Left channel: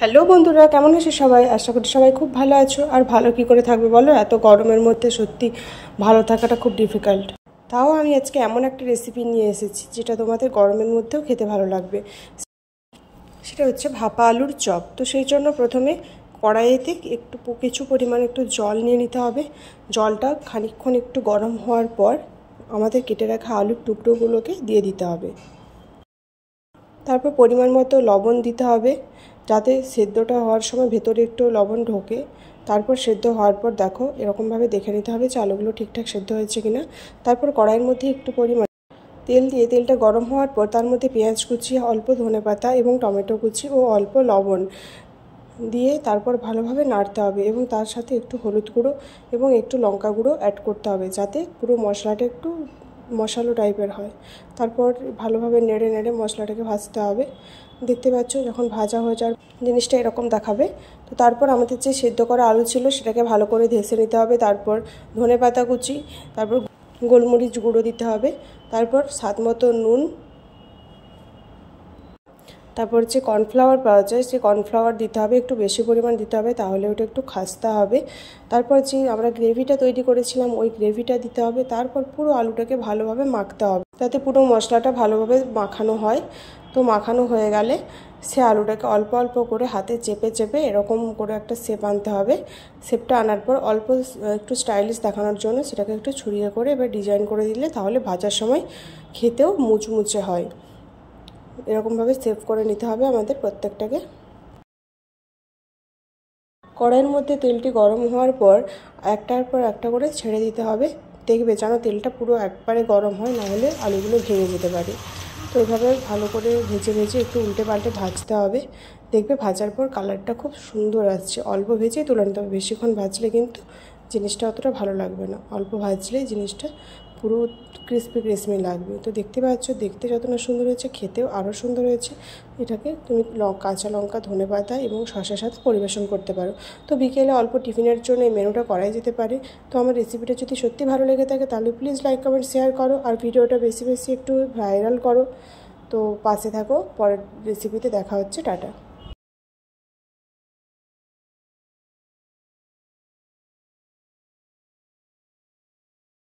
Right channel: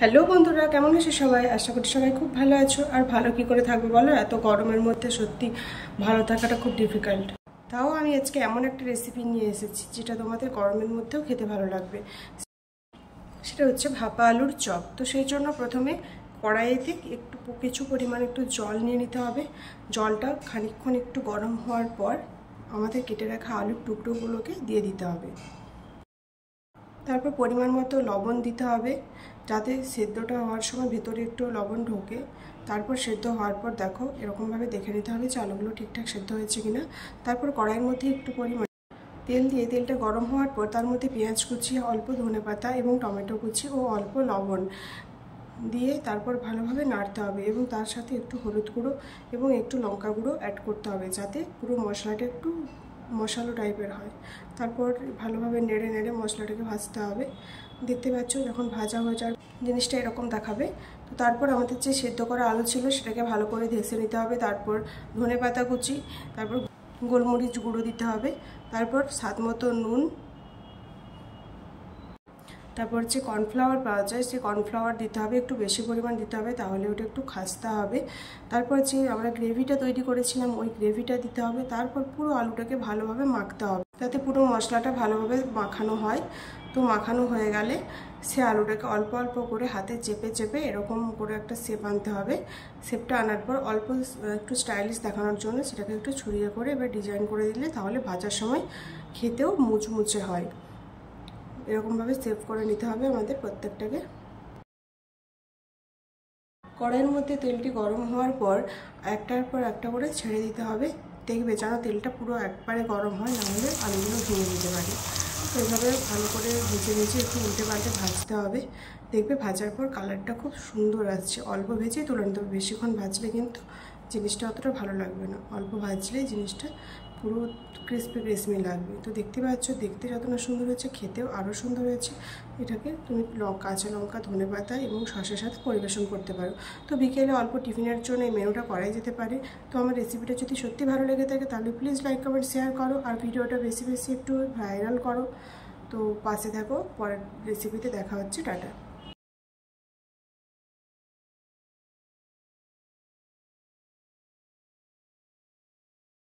Hello বন্ধুরা, কেমন আছো সবাই? আশা করি সবাই খুব ভালো আছো। আর ভালো কি করে থাকবে বলো, এত গরমের মধ্যে সত্যি ভালো থাকাটা খুব ডিফিকাল্ট। তাও আমি আজকে এমন একটা রেসিপি নিয়ে এসেছি যেটা তোমাদের গরমের মধ্যেও খেতে ভালো লাগবে। সেটা হচ্ছে ভাপা আলুর চপ। তো সেই জন্য প্রথমে কড়াইতে কিছু পরিমাণে একটু জল নিয়ে নিতে হবে। জলটা খানিকক্ষণ একটু গরম হওয়ার পর আমাদের কেটে রাখা আলুর টুকরোগুলোকে দিয়ে দিতে হবে। তারপর পরিমাণ মতো লবণ দিতে হবে, যাতে সেদ্ধটা হওয়ার সময় ভেতরে একটু লবণ ঢোকে। তারপর সেদ্ধ হওয়ার পর দেখো এরকমভাবে দেখে নিতে হবে যে আলুগুলো ঠিকঠাক সেদ্ধ হয়েছে কিনা। তারপর কড়াইয়ের মধ্যে একটু পরিমাণ তেল দিয়ে তেলটা গরম হওয়ার পর তার মধ্যে পেঁয়াজ কুচি, অল্প ধনেপাতা এবং টমেটো কুচি ও অল্প লবণ দিয়ে তারপর ভালোভাবে নাড়তে হবে এবং তার সাথে একটু হলুদ গুঁড়ো এবং একটু লঙ্কা গুঁড়ো অ্যাড করতে হবে, যাতে পুরো মশলাটা একটু মশালো টাইপের হয়। তারপর ভালোভাবে নেড়ে নেড়ে মশলাটাকে ভাজতে হবে। দেখতে পাচ্ছ যখন ভাজা হয়ে যাওয়ার জিনিসটা এরকম দেখাবে। তো তারপর আমাদের যে সেদ্ধ করা আলু ছিল সেটাকে ভালো করে ধেসে নিতে হবে। তারপর ধনেপাতা কুচি, তারপর গোলমরিচ গুঁড়ো দিতে হবে, তারপর স্বাদ মতো নুন, তারপর যে কর্নফ্লাওয়ার পাওয়া যায় সেই কর্নফ্লাওয়ার দিতে হবে, একটু বেশি পরিমাণ দিতে হবে, তাহলে ওটা একটু খাস্তা হবে। তারপর যে আমরা গ্রেভিটা তৈরি করেছিলাম ওই গ্রেভিটা দিতে হবে। তারপর পুরো আলুটাকে ভালোভাবে মাখতে হবে, যাতে পুরো মশলাটা ভালোভাবে মাখানো হয়। তো মাখানো হয়ে গেলে সে আলুটাকে অল্প অল্প করে হাতে চেপে চেপে এরকম করে একটা শেপ আনতে হবে। শেপটা আনার পর অল্প একটু স্টাইলিশ দেখানোর জন্য সেটাকে একটু ছড়িয়ে করে এবার ডিজাইন করে দিলে তাহলে ভাজার সময় খেতেও মুচমুচে হয়। এরকমভাবে সেভ করে নিতে হবে আমাদের প্রত্যেকটাকে। কড়াইয়ের মধ্যে তেলটি গরম হওয়ার পর একটার পর একটা করে ছেড়ে দিতে হবে। দেখবে যেন তেলটা পুরো একবারে গরম হয়, নাহলে আলুগুলো ভেঙে যেতে পারে। তো এইভাবে ভালো করে ভেজে ভেজে একটু উল্টে পাল্টে ভাজতে হবে। দেখবে ভাজার পর কালারটা খুব সুন্দর আসছে। অল্প ভেজেই তুলে নিতে হবে, বেশিক্ষণ ভাজলে কিন্তু জিনিসটা অতটা ভালো লাগবে না। অল্প ভাজলেই জিনিসটা পুরো ক্রিস্পি ক্রিস্পি লাগবে। তো দেখতে পাচ্ছ দেখতে যত না সুন্দর হয়েছে খেতেও আরও সুন্দর হয়েছে। এটাকে তুমি কাঁচা লঙ্কা, ধনেপাতা এবং শসার সাথে পরিবেশন করতে পারো। তো বিকেলে অল্প টিফিনের জন্য এই মেনুটা করাই যেতে পারে। তো আমার রেসিপিটা যদি সত্যি ভালো লেগে থাকে তাহলে প্লিজ লাইক, কমেন্ট, শেয়ার করো আর ভিডিওটা বেশি বেশি একটু ভাইরাল করো। তো পাশে থাকো, পরের রেসিপিতে দেখা হচ্ছে। টাটা।